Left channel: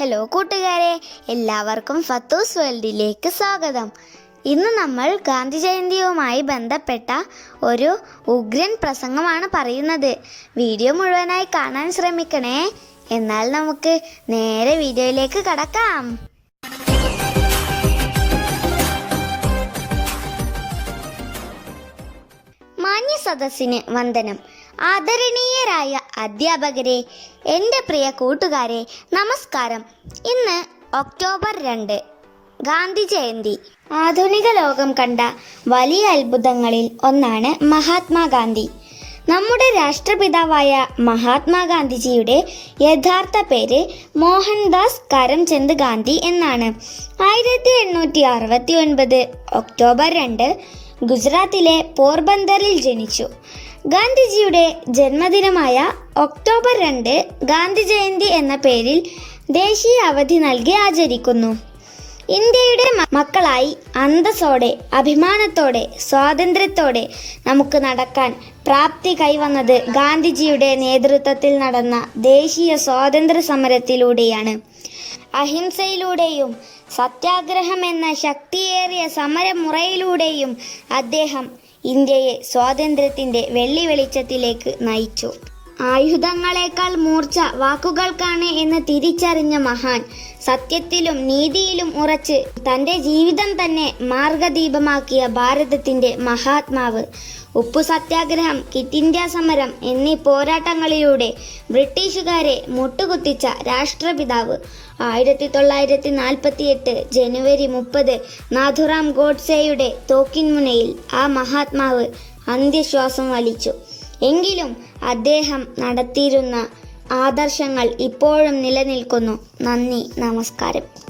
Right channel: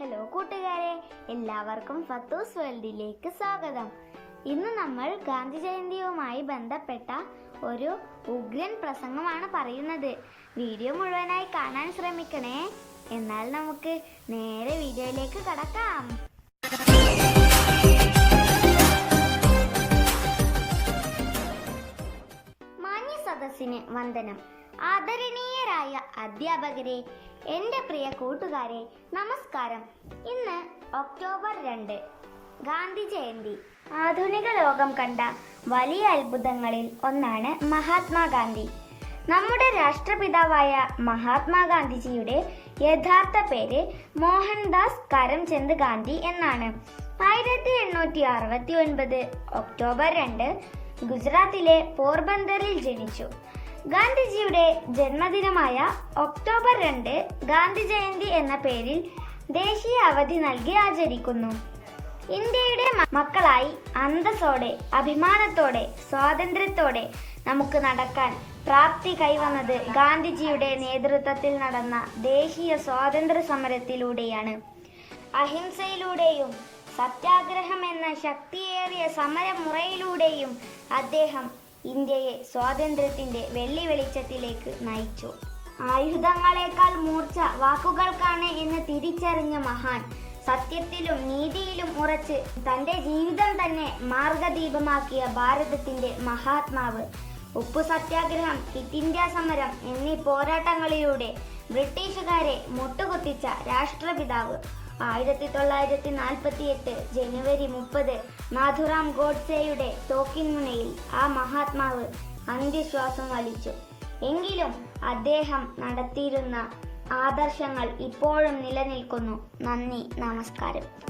Hello കൂട്ടുകാരെ എല്ലാവർക്കും ഫത്തൂസ് വേൾഡിലേക്ക് സ്വാഗതം. ഇന്ന് നമ്മൾ ഗാന്ധി ജയന്തിയുമായി ബന്ധപ്പെട്ട ഒരു ഉഗ്രൻ പ്രസംഗമാണ് പറയുന്നത്. വീഡിയോ മുഴുവനായി കാണാൻ ശ്രമിക്കണേ. എന്നാൽ നമുക്ക് നേരെ വീഡിയോയിലേക്ക് കടക്കാം. മാന്യ സദസ്സിന് വന്ദനം. ആദരണീയരായ അധ്യാപകരെ എന്റെ പ്രിയ കൂട്ടുകാരെ നമസ്കാരം. ഇന്ന് ഒക്ടോബർ രണ്ട് ഗാന്ധി ജയന്തി. ആധുനിക ലോകം കണ്ട വലിയ അത്ഭുതങ്ങളിൽ ഒന്നാണ് മഹാത്മാഗാന്ധി. നമ്മുടെ രാഷ്ട്രപിതാവായ മഹാത്മാഗാന്ധിജിയുടെ യഥാർത്ഥ പേര് മോഹൻദാസ് കരംചന്ദ് ഗാന്ധി എന്നാണ്. ആയിരത്തി എണ്ണൂറ്റി അറുപത്തി ഒൻപത് ഒക്ടോബർ രണ്ട് ഗുജറാത്തിലെ പോർബന്ദറിൽ ജനിച്ചു. ഗാന്ധിജിയുടെ ജന്മദിനമായ ഒക്ടോബർ രണ്ട് ഗാന്ധി ജയന്തി എന്ന പേരിൽ ദേശീയ അവധി നൽകി ആചരിക്കുന്നു. ഇന്ത്യയുടെ മക്കളായി അന്തസ്സോടെ അഭിമാനത്തോടെ സ്വാതന്ത്ര്യത്തോടെ നമുക്ക് നടക്കാൻ പ്രാപ്തി കൈവന്നത് ഗാന്ധിജിയുടെ നേതൃത്വത്തിൽ നടന്ന ദേശീയ സ്വാതന്ത്ര്യ സമരത്തിലൂടെയാണ്. അഹിംസയിലൂടെയും സത്യാഗ്രഹം എന്ന ശക്തിയേറിയ സമരമുറയിലൂടെയും അദ്ദേഹം ഇന്ത്യയെ സ്വാതന്ത്ര്യത്തിന്റെ വെള്ളി വെളിച്ചത്തിലേക്ക് നയിച്ചു. ആയുധങ്ങളെക്കാൾ മൂർച്ച വാക്കുകൾക്കാണ് എന്ന് തിരിച്ചറിഞ്ഞ മഹാൻ സത്യത്തിലും നീതിയിലും ഉറച്ച് തന്റെ ജീവിതം തന്നെ മാർഗദീപമാക്കിയ ഭാരതത്തിന്റെ മഹാത്മാവ്. ഉപ്പു സത്യാഗ്രഹം കിറ്റ് ഇന്ത്യ സമരം എന്നീ പോരാട്ടങ്ങളിലൂടെ ബ്രിട്ടീഷുകാരെ മുട്ടുകുത്തിച്ച രാഷ്ട്രപിതാവ്. ആയിരത്തി തൊള്ളായിരത്തി നാൽപ്പത്തി എട്ട് ജനുവരി മുപ്പത് നാഥുറാം ഗോഡ്സെയുടെ തോക്കിൻമുനയിൽ ആ മഹാത്മാവ് അന്ത്യശ്വാസം വലിച്ചു. എങ്കിലും അദ്ദേഹം നടത്തിയിരുന്ന ആദർശങ്ങൾ ഇപ്പോഴും നിലനിൽക്കുന്നു. നന്ദി നമസ്കാരം.